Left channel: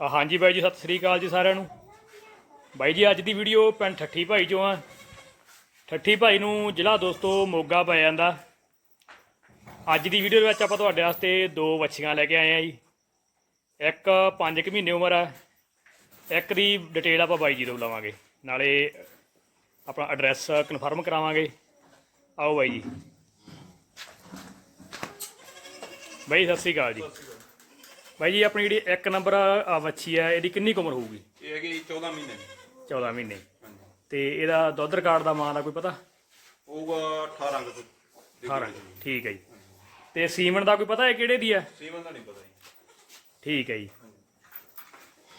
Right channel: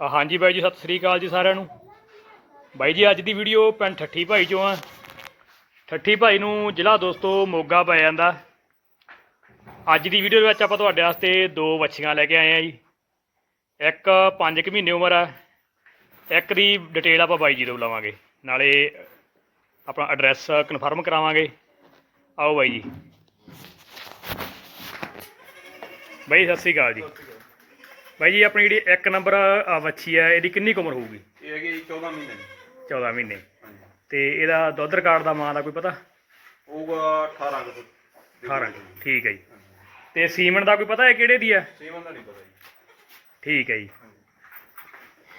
ਹਾਂਜੀ ਬਾਈ ਜੀ, ਸਤਿ ਸ੍ਰੀ ਅਕਾਲ ਜੀ ਸਾਰਿਆਂ ਨੂੰ। ਬਾਈ ਜੀ, ਅੱਜ ਦੀ ਵੀਡੀਓ ਪਿੰਡ ਠੱਠੀ ਭਾਈ ਚੋਂ ਆ। ਠੱਠੀ ਭਾਈ ਨੂੰ ਜ਼ਿਲ੍ਹਾ ਦੋਸਤੋ ਮੋਗਾ ਪੈ ਜਾਂਦਾ। ਅੱਜ ਦੀ ਵੀਡੀਓ ਦੇ ਵਿੱਚ ਆਪਾਂ ਤੁਹਾਡੇ ਵਾਸਤੇ ਦੋ ਵੱਛੀਆਂ ਲੈ ਕੇ ਆਏ ਆ ਜੀ। ਇੱਕ 5 ਕੁ ਮਹੀਨੇ ਉਮਰ ਆ। ਇੱਕ ਦੀ ਡਿਟੇਲ ਆਪਾਂ ਬਾਈ ਜੀ ਤੋਂ ਲਵਾਂਗੇ। ਨਾਲੇ ਆਪਣਾ ਐਡਰੈਸ ਕਨਫਰਮ ਕਰਾਵਾਂਗੇ। ਆਓ ਬਾਈ ਜੀ। ਬਾਈ, ਸਤਿ ਸ੍ਰੀ ਅਕਾਲ ਜੀ। ਬਾਈ ਜੀ ਆਪਣੀ ਜਿਹੜੀ ਇੱਕ ਨੰਬਰ ਆ ਵੱਛੀ ਹੈ ਇਹਦੀ ਕਿੰਨੀ ਕੁ ਉਮਰ ਹੋਊਗੀ? ਇਹ ਹੈਗੀ 14 ਮਹੀਨੇ ਦੀ। 14 ਮਹੀਨੇ। ਹਾਂਜੀ। ਤੇ ਇਹਦਾ ਦੁੱਧ ਰਿਕਾਰਡ ਦਾ ਮਾਂ ਦਾ ਕੋਈ ਪਤਾ? ਹੋਊਗਾ 18 ਕੁ 18 ਠੀਕ ਹੈ ਜੀ। ਤੇ ਸੀਮਨ ਦਾ ਕੋਈ ਪਤਾ ਹੈ ਕਿਹੜੇ ਦੀ ਹੈ ਸੀਮਨ ਦਾ ਨਹੀਂ ਪਤਾ ਜੀ। ਠੀਕ ਹੈ ਜੀ।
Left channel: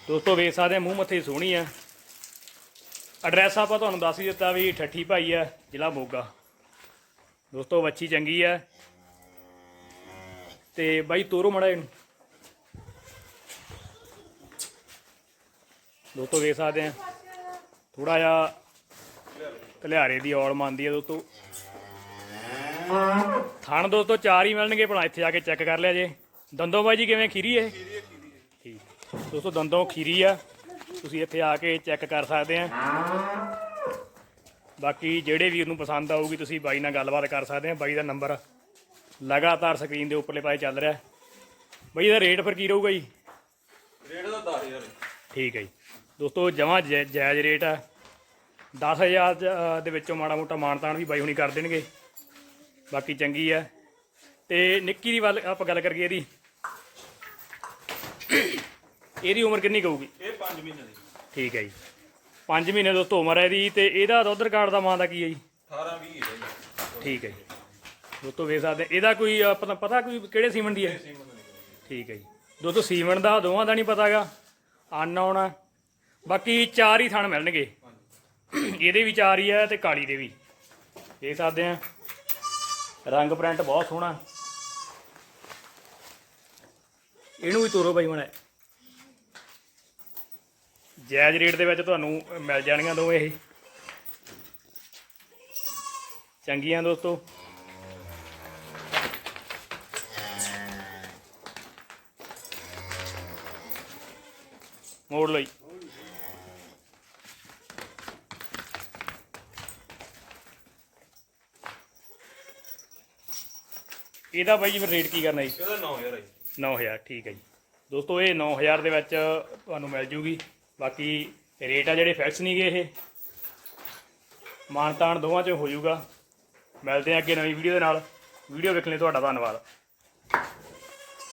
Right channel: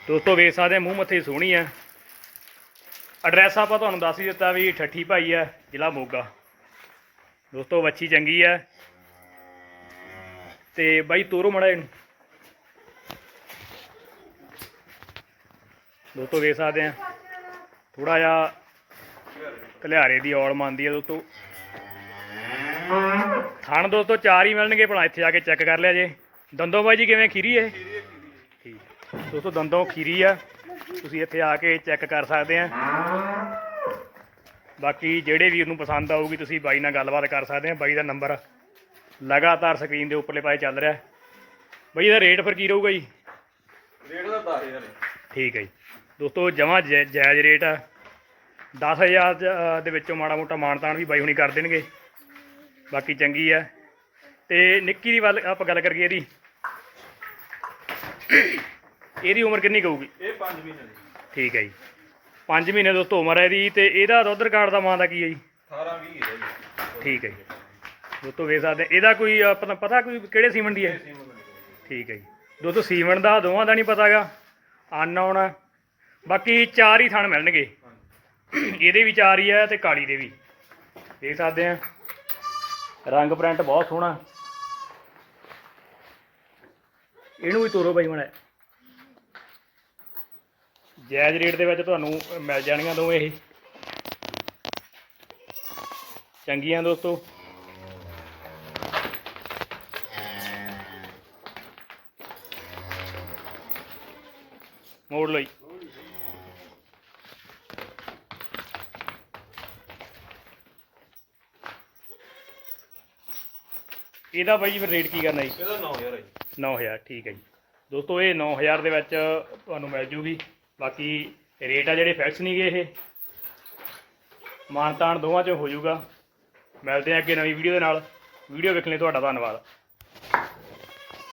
ਦੋਸਤੋ ਵੇਖ ਸਕਦੇ ਆ ਮੂੰਹ ਮੱਥੇ ਸੋਹਣੀ ਹੈ ਐਡਰੈਸ ਆਪਾਂ ਤੁਹਾਨੂੰ ਦੱਸ ਹੀ ਦਿੱਤਾ ਵੀ ਠੱਠੀ ਭਾਈ ਹੈ ਜ਼ਿਲ੍ਹਾ ਮੋਗਾ। ਦੋਸਤੋ ਵੱਛੀ ਚੰਗੀ ਹੈ ਤੇ ਬਾਈ ਤੋਰੋ ਮੜਾ ਇਹਨੂੰ। ਦੋਸਤੋ ਵੇਖ ਸਕਦੇ ਆ ਥੋੜਾ ਜਿਹਾ ਕਲਿਆਰੇ ਦੀ ਔਲ ਮੰਨਦੀ ਹੈ ਦੋਸਤੋ। ਥਣ ਦੋਸਤੋ ਚਾਰ ਹੀ ਮਿਲਣਗੇ ਭਲਾ ਇੱਥੇ ਆ ਕੇ ਚੈੱਕ ਕਰ ਲਿਆ ਜੇ। ਦੰਦੋਂ ਬਾਈ ਜੀ ਕਿਵੇਂ ਖੀਰੀ ਇਹ? ਠੀਕ। ਦੋਸਤੋ ਦੰਦੋਂ ਖੀਰੀ ਆ। ਤੁਸੀਂ ਇੱਥੇ ਆ ਕੇ ਚੈੱਕ ਕਰ ਸਕਦੇ ਆ ਬਾਕੀ ਜਿਹੜੇ ਵੀਰ ਨੂੰ ਪਸੰਦ ਆਊਗੀ ਤੁਸੀਂ ਬਾਈ ਨਾਲ ਗੱਲਬਾਤ ਕਰ ਸਕਦੇ ਆ ਬਾਈ ਦਾ ਨੰਬਰ ਲਗਾਤਾਰ ਸਕਰੀਨ ਦੇ ਉੱਪਰਲੇ ਪਾਸੇ ਚੱਲ ਰਿਹਾ। ਬਾਈ ਇਹਦਾ ਰੇਟ ਫਿਰ ਕੀ ਰਹੂਗਾ ਜੀ? ਰੇਟ ਦਾ 10000 ਹੈ ਠੀਕ ਹੈ ਜੀ। ਦੋਸਤੋ ਜਮਾਂ ਜਾਇਜ਼ ਰੇਟ ਆ। 10000 ਦ- ਵਿੱਚੋਂ ਮਾੜਾ ਮੋਟਾ ਮਾਨਤਾਨ ਵੀ ਬਾਈ ਹੁਣੀ ਕਰ ਦੇਣਗੇ। ਬਾਕੀ ਚੰਗੀ ਆ। ਤੇ ਨਿੱਕੀ ਦੀ ਵੱਲ ਆਪਾਂ ਗੱਲ ਕਰੀਏ ਇਹਦੀ। ਇਹਦੀ ਉਮਰ ਕਿੰਨੀ ਕਹੂਗੀ ਇਹ 5 ਮਹੀਨੇ ਦੀ। ਠੀਕ ਹੈ ਜੀ। 5 ਮਹੀਨੇ ਦੋਸਤੋ ਉਮਰ ਹੈ ਇਹਦੀ। ਤੇ ਇਹਦਾ ਦੁੱਧ ਰਿਕਾਰਡ ਦਾ ਮਾਂ ਦਾ ਕੀ ਹੈ ਜੀ? 18 20 ਹੈ ਜੀ। ਠੀਕ ਹੈ ਜੀ। ਦੋਸਤੋ ਵੇਖ ਸਕਦੇ ਇਹਦਾ ਕੋਈ ਅ, ਪਤਾ ਪਤਾ ਕੋਈ ਕਿਹੜੇ ਸੀਮਨ ਦੀ ਹੈ ਠੀਕ ਹੈ ਜੀ। ਦੋਸਤੋ ਸੀਮਨ ਦਾ ਦੋਵਾਂ ਦਾ ਨਹੀਂ ਪਤਾਗਾ ਅਨਨੋਨ ਬਾਕੀ ਚਾਰ ਹੀ ਥਣ ਮਿਲਣਗੇ। ਇਹਦੇ ਵੀ ਚਾਰ ਹੀ ਆ ਤੇ ਕਾਲੀ ਦੇ ਵੀ। ਦੇਖ ਸਕਦੇ ਆ। ਰੰਗ ਪ੍ਰਿੰਟ ਬਹੁਤ ਸੋਹਣਾ। ਇਹਨੂੰ ਵੀ ਤੋਰੋ ਬਾਈ ਮਣਾ ਜਾਇਜ਼ ਰੇਟ ਦੇ ਵਿੱਚ ਤੁਹਾਨੂੰ ਮਿਲ ਜਾਣਗੀਆਂ ਦੋਵੇਂ ਇਹ। ਚੰਗੀਆਂ ਦੋਸਤੋ। ਮੋੜ ਲਈ। ਇਹਦਾ ਬਾਈ ਜੀ ਫਿਰ ਰੇਟ ਕੀ ਕਰਨਾ ਜੀ? ਇਹਦਾ 9000 ਹੈ ਜੀ। 9000 ਠੀਕ ਹੈ ਜੀ। ਦੋਸਤੋ ਇਹ 9000 ਦੇ ਵਿੱਚ ਤੁਹਾਨੂੰ ਮਿਲ ਜੂਗੀ। ਬਾਕੀ ਰੇਟ ਆ ਜਿਹੜੇ ਫਿਕਸ ਨਹੀਂਗੇ ਇਹ। ਮਾਨਤਾਨ ਦੋਵਾਂ 'ਚ ਹੋ ਜਾਊਗਾ ਮਿਲਦੇ ਆ ਅੱਗੇ ਨਵੀਂ ਵੀਡੀਓ ਦੇ ਨਾਲ। ਵੀਡੀਓ ਵੇਖਣ ਲਈ ਤੁਹਾਡਾ ਧੰਨਵਾਦ।